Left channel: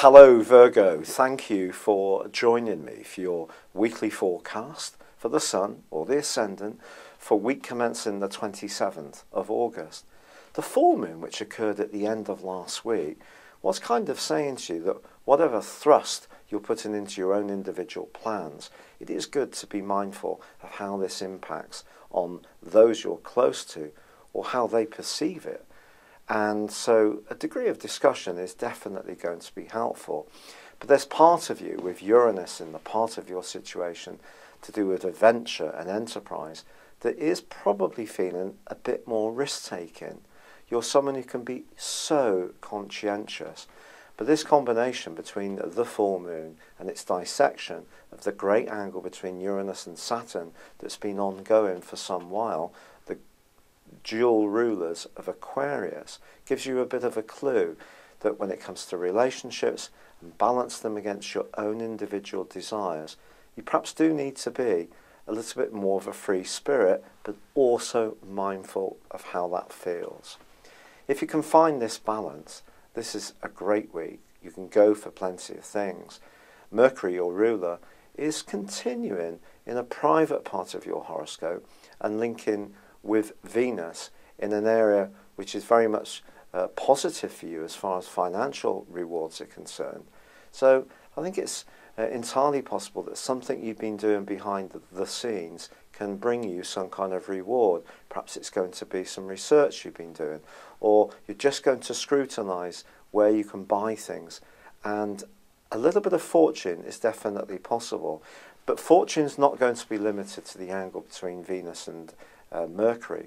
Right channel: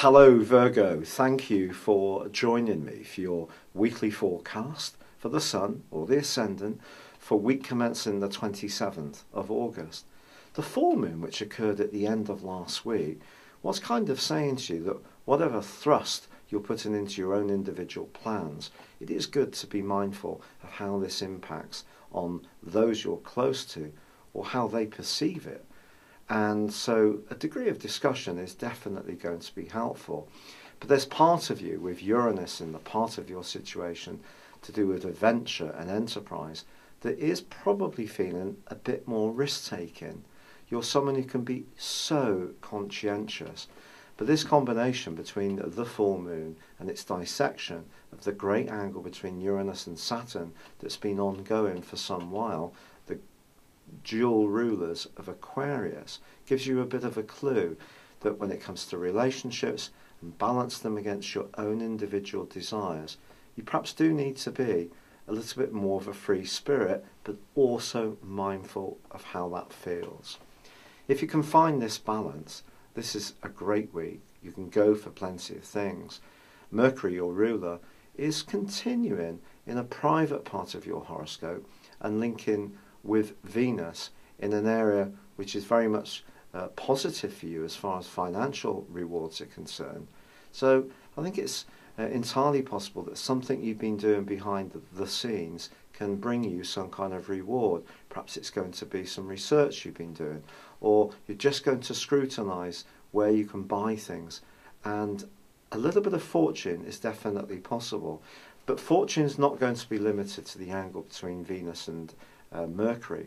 Hello Virgo, thank you for joining me for your weekly forecast for the Sun or the Ascendant for week commencing the 27th of August. The full moon, which occurred at the end of last week, was kind of saying to you that whatever thrust you're putting into your own individual plans, it is good to be mindful of how this impacts on those you're close to or how they perceive it. And so a degree of discussion is definitely going to be helpful. But there's part of you with Uranus in the part of your situation to do with adventure and enterprise that is probably feeling a bit more risk-taking. You're someone who can be so conscientious. But this combination between the full moon and its dissection of the great angle between Uranus and Saturn that's been ongoing for some while, the dual rulers of Aquarius, gives you a bit of a clue that when it comes to relationships and balance them against your own individual desires, you perhaps do need to be a little bit more of a free spirit, but also mindful of how that feels. If you can find this balance, this is a great week. You can go for plenty of things. Mercury, your ruler, is continuing in a private part of your horoscope and linking with Venus in an area which is very much positive for you as far as financial rewards are concerned. So I think it's entirely possible that something you've been doing behind the scenes can bring you some kind of reward. Perhaps it's going to be some research you've been doing, or you're just going to scrutinise where you can buy things. And a little bit of fortune is definitely possible. But fortune's not going to be limited to the angle between Venus and Mercury,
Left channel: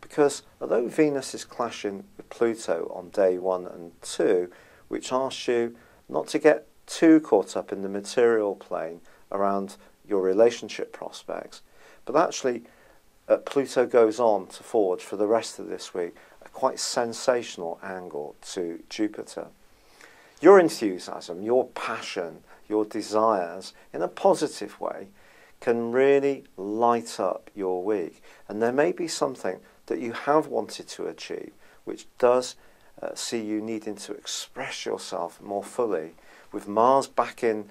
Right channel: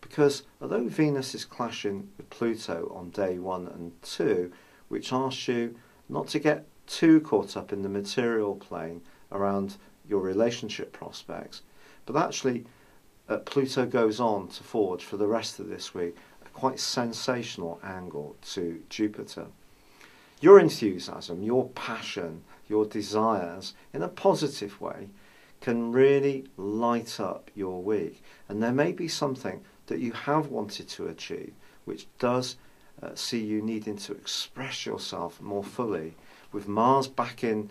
because although Venus is clashing with Pluto on day 1 and 2, which asks you not to get too caught up in the material plane around your relationship prospects, but actually Pluto goes on to forge for the rest of this week a quite sensational angle to Jupiter. Your enthusiasm, your passion, your desires in a positive way can really light up your week. And there may be something that you have wanted to achieve which does see you needing to express yourself more fully. With Mars back in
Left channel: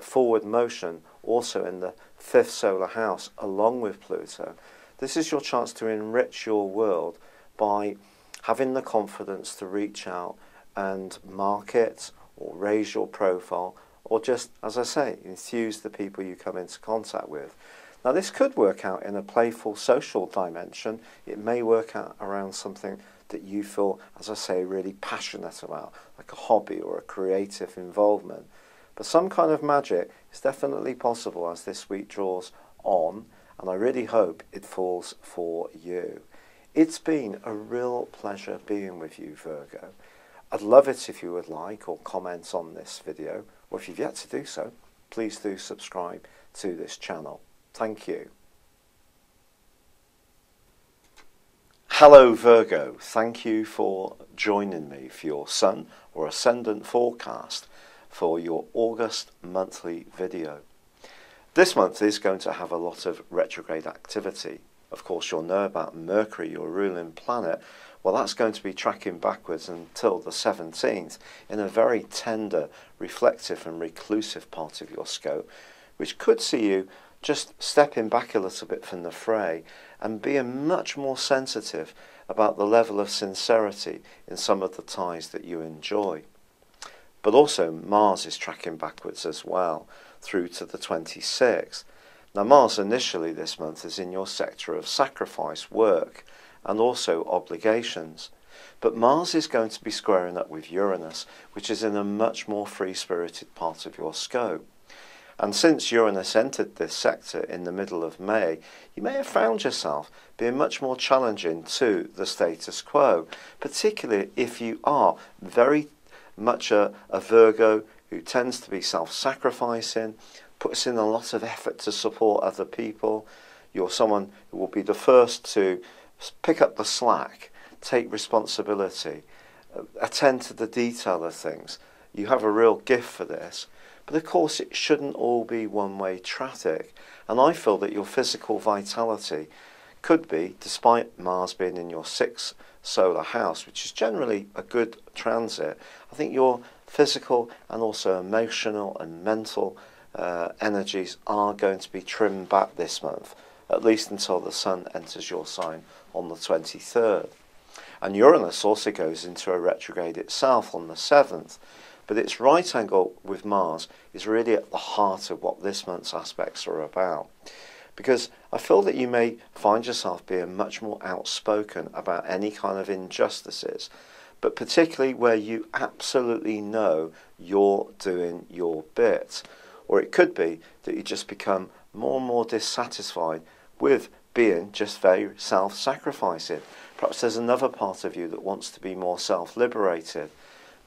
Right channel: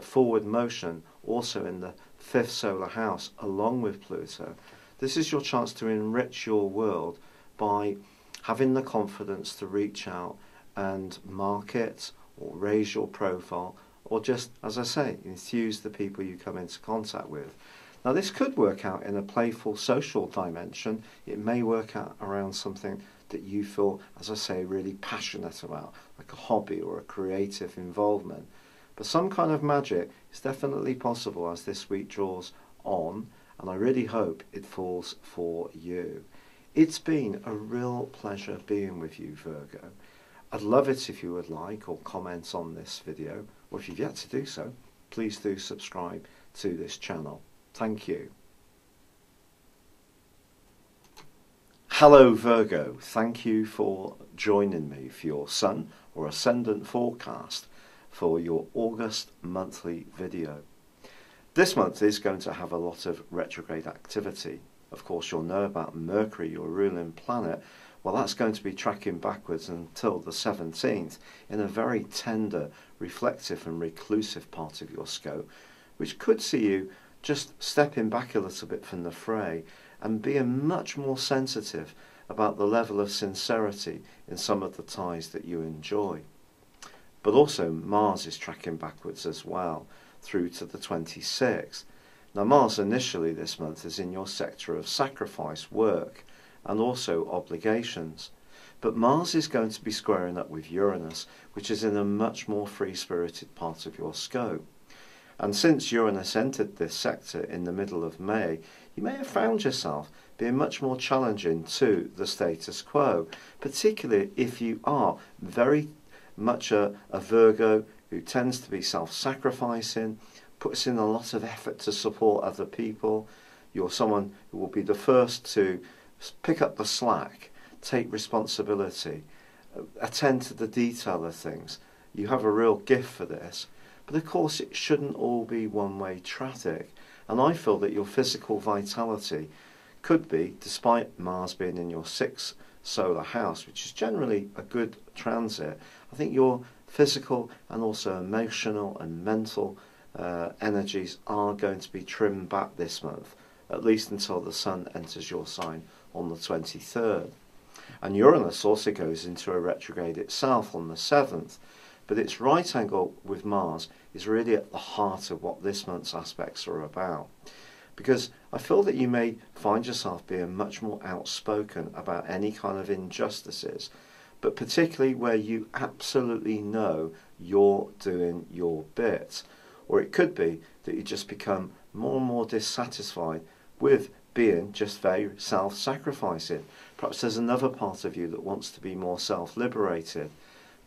forward motion, also in the 5th solar house, along with Pluto, this is your chance to enrich your world by having the confidence to reach out and market or raise your profile, or just, as I say, enthuse the people you come into contact with. Now, this could work out in a playful social dimension. It may work out around something that you feel, as I say, really passionate about, like a hobby or a creative involvement. But some kind of magic is definitely possible as this week draws on, and I really hope it falls for you. It's been a real pleasure being with you, Virgo. I'd love it if you would like or comment on this video, or if you've yet to do so, please do subscribe to this channel. Thank you. Hello Virgo, thank you for joining me for your Sun or Ascendant forecast for your August monthly video. This month is going to have a lot of retrograde activity. Of course, you'll know about Mercury, your ruling planet. Well, that's going to be tracking backwards until the 17th in a very tender, reflective and reclusive part of your scope, which could see you just stepping back a little bit from the fray and being much more sensitive about the level of sincerity in some of the ties that you enjoy. But also Mars is tracking backwards as well through to the 26th. Now Mars initially this month is in your sector of sacrifice, work, and also obligations. But Mars is going to be squaring up with Uranus, which is in a much more free-spirited part of your scope. And since Uranus entered this sector in the middle of May, you may have found yourself being much more challenging to the status quo, particularly if you are very much a Virgo who tends to be self-sacrificing, puts in a lot of effort to support other people. You're someone who will be the first to pick up the slack, take responsibility, attend to the detail of things. You have a real gift for this. But of course it shouldn't all be one-way traffic. And I feel that your physical vitality could be, despite Mars being in your 6th solar house, which is generally a good transit, I think your physical and also emotional and mental energies are going to be trimmed back this month, at least until the Sun enters your sign on the 23rd. And Uranus also goes into a retrograde itself on the 7th, but its right angle with Mars is really at the heart of what this month's aspects are about. Because I feel that you may find yourself being much more outspoken about any kind of injustices, but particularly where you absolutely know you're doing your bit. Or it could be that you just become more and more dissatisfied with being just very self-sacrificing. Perhaps there's another part of you that wants to be more self-liberated,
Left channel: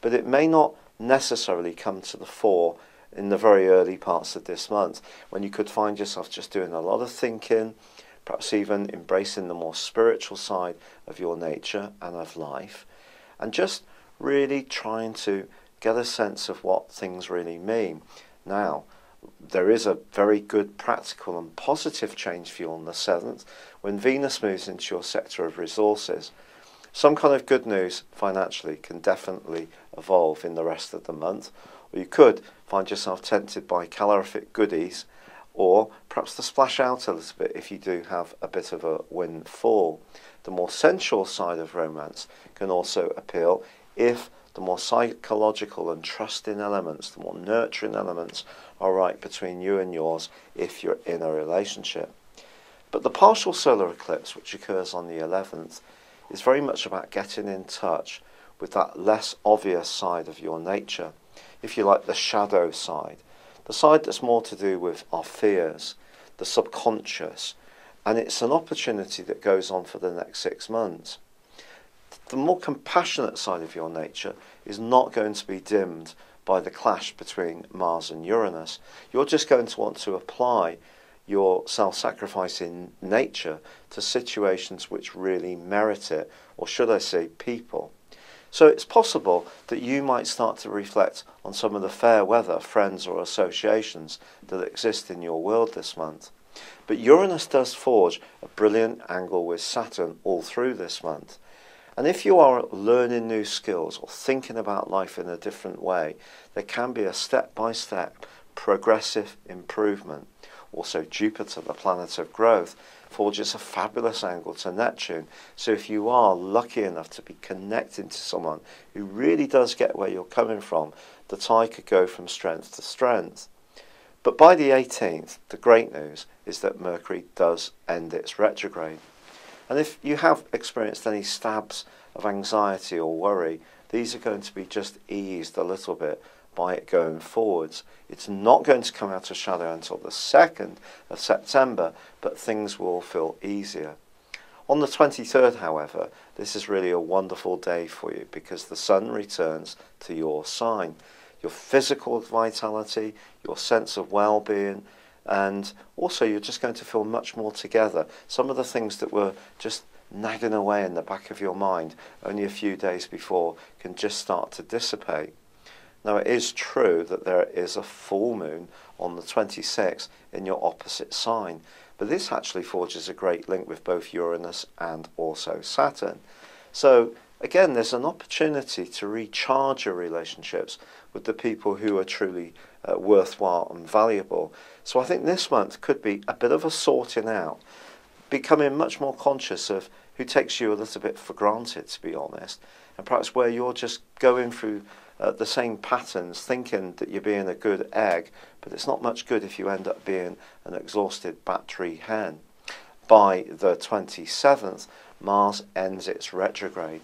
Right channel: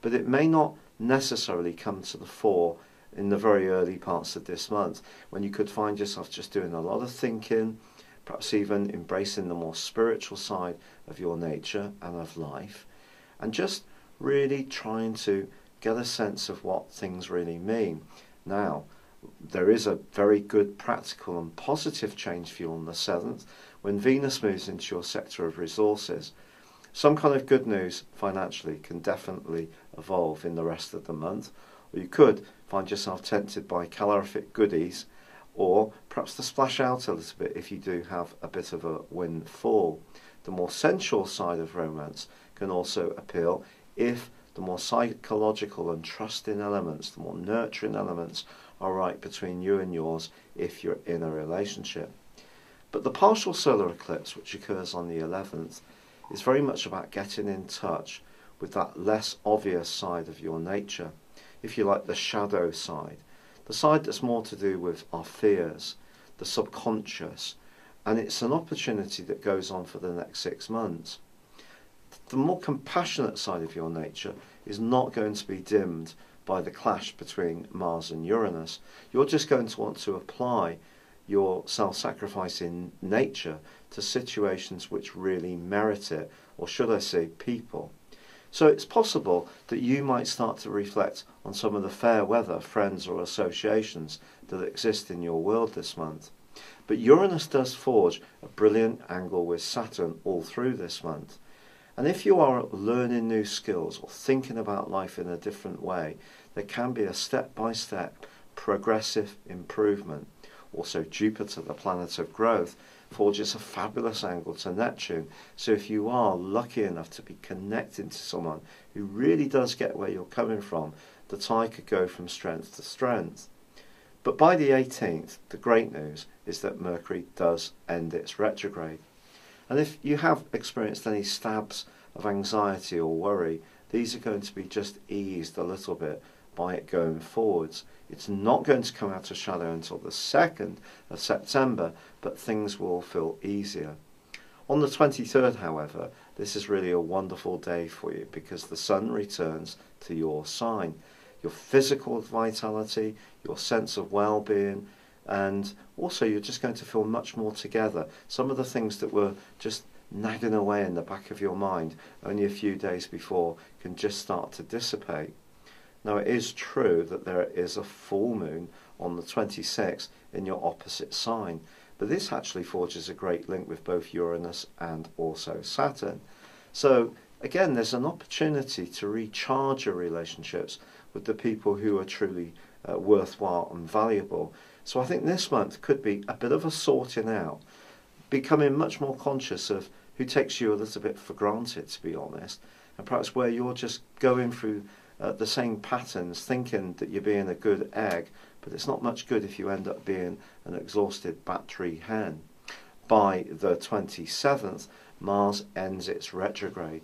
but it may not necessarily come to the fore in the very early parts of this month, when you could find yourself just doing a lot of thinking, perhaps even embracing the more spiritual side of your nature and of life, and just really trying to get a sense of what things really mean. Now, there is a very good practical and positive change for you on the 7th, when Venus moves into your sector of resources. Some kind of good news financially can definitely evolve in the rest of the month, or you could find yourself tempted by calorific goodies, or perhaps to splash out a little bit if you do have a bit of a windfall. The more sensual side of romance can also appeal if the more psychological and trusting elements, the more nurturing elements are right between you and yours if you're in a relationship. But the partial solar eclipse, which occurs on the 11th, is very much about getting in touch with that less obvious side of your nature, if you like, the shadow side, the side that's more to do with our fears, the subconscious, and it's an opportunity that goes on for the next 6 months. The more compassionate side of your nature is not going to be dimmed by the clash between Mars and Uranus. You're just going to want to apply your self-sacrificing nature to situations which really merit it, or should I say people. So it's possible that you might start to reflect on some of the fair weather friends or associations that exist in your world this month. But Uranus does forge a brilliant angle with Saturn all through this month. And if you are learning new skills or thinking about life in a different way, there can be a step-by-step progressive improvement. Also, Jupiter, the planet of growth, forges a fabulous angle to Neptune. So if you are lucky enough to be connected to someone who really does get where you're coming from, the tie could go from strength to strength. But by the 18th, the great news is that Mercury does end its retrograde. And if you have experienced any stabs of anxiety or worry, these are going to be just eased a little bit by it going forwards. It's not going to come out of shadow until the 2nd of September, but things will feel easier. On the 23rd, however, this is really a wonderful day for you because the Sun returns to your sign. Your physical vitality, your sense of well-being, and also you're just going to feel much more together. Some of the things that were just nagging away in the back of your mind only a few days before can just start to dissipate. Now, it is true that there is a full moon on the 26th in your opposite sign, but this actually forges a great link with both Uranus and also Saturn. So, again, there's an opportunity to recharge your relationships with the people who are truly worthwhile and valuable. So I think this month could be a bit of a sorting out, becoming much more conscious of who takes you a little bit for granted, to be honest, and perhaps where you're just going through the same patterns, thinking that you're being a good egg, but it's not much good if you end up being an exhausted battery hen. By the 27th, Mars ends its retrograde.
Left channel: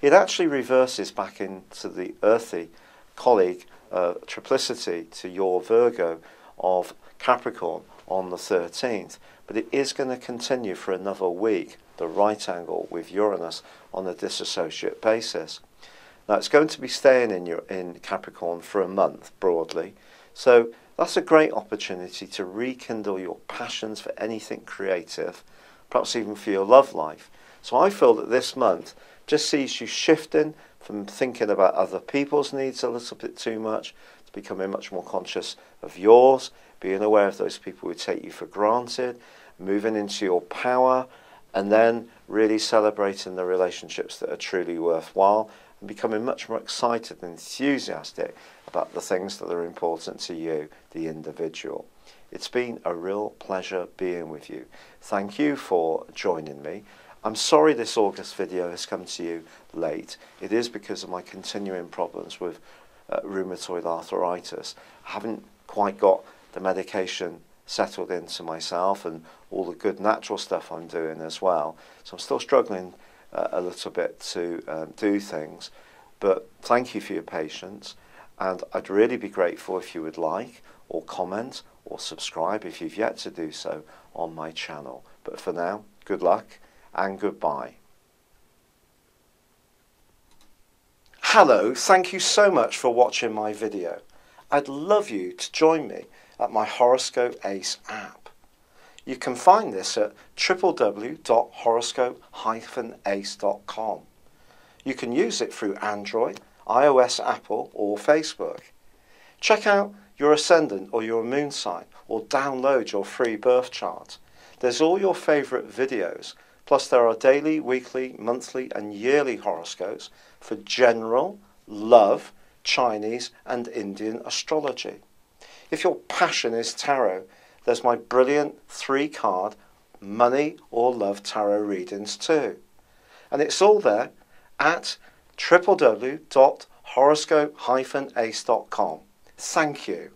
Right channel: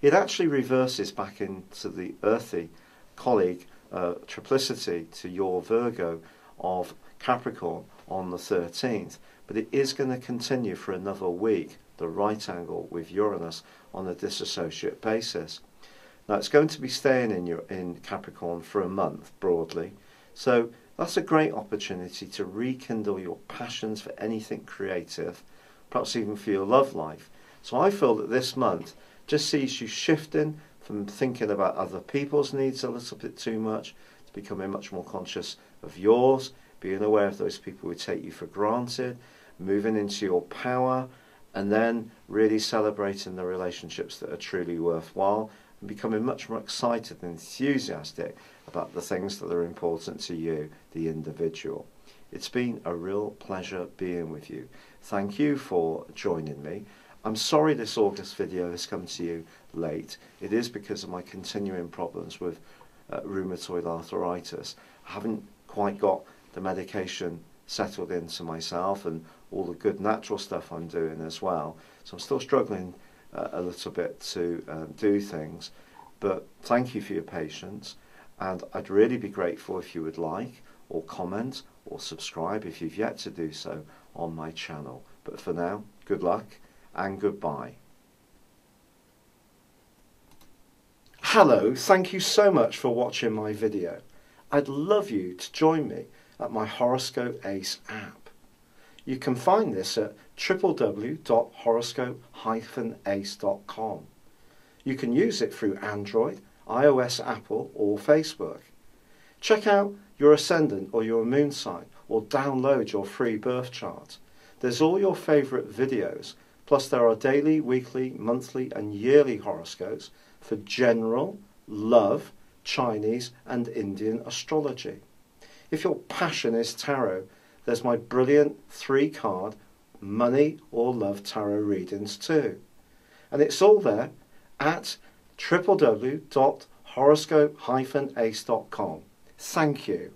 It actually reverses back into the earthy colleague triplicity to your Virgo of Capricorn on the 13th, but it is going to continue for another week, the right angle with Uranus on a disassociate basis. Now, it's going to be staying in Capricorn for a month, broadly. So that's a great opportunity to rekindle your passions for anything creative, perhaps even for your love life. So I feel that this month just sees you shifting from thinking about other people's needs a little bit too much to becoming much more conscious of yours, being aware of those people who take you for granted, moving into your power, and then really celebrating the relationships that are truly worthwhile and becoming much more excited and enthusiastic about the things that are important to you, the individual. It's been a real pleasure being with you. Thank you for joining me. I'm sorry this August video has come to you late. It is because of my continuing problems with rheumatoid arthritis. I haven't quite got the medication settled into myself and all the good natural stuff I'm doing as well. So I'm still struggling a little bit to do things. But thank you for your patience. And I'd really be grateful if you would like or comment or subscribe if you've yet to do so on my channel. But for now, good luck and goodbye. Hello, thank you so much for watching my video. I'd love you to join me at my Horoscope Ace app. You can find this at www.horoscope-ace.com. You can use it through Android, iOS, Apple or Facebook. Check out your ascendant or your moon sign or download your free birth chart. There's all your favourite videos, plus there are daily, weekly, monthly and yearly horoscopes for general, love, Chinese and Indian astrology. If your passion is tarot, there's my brilliant 3-card money or love tarot readings too. And it's all there at www.horoscope-ace.com. Thank you.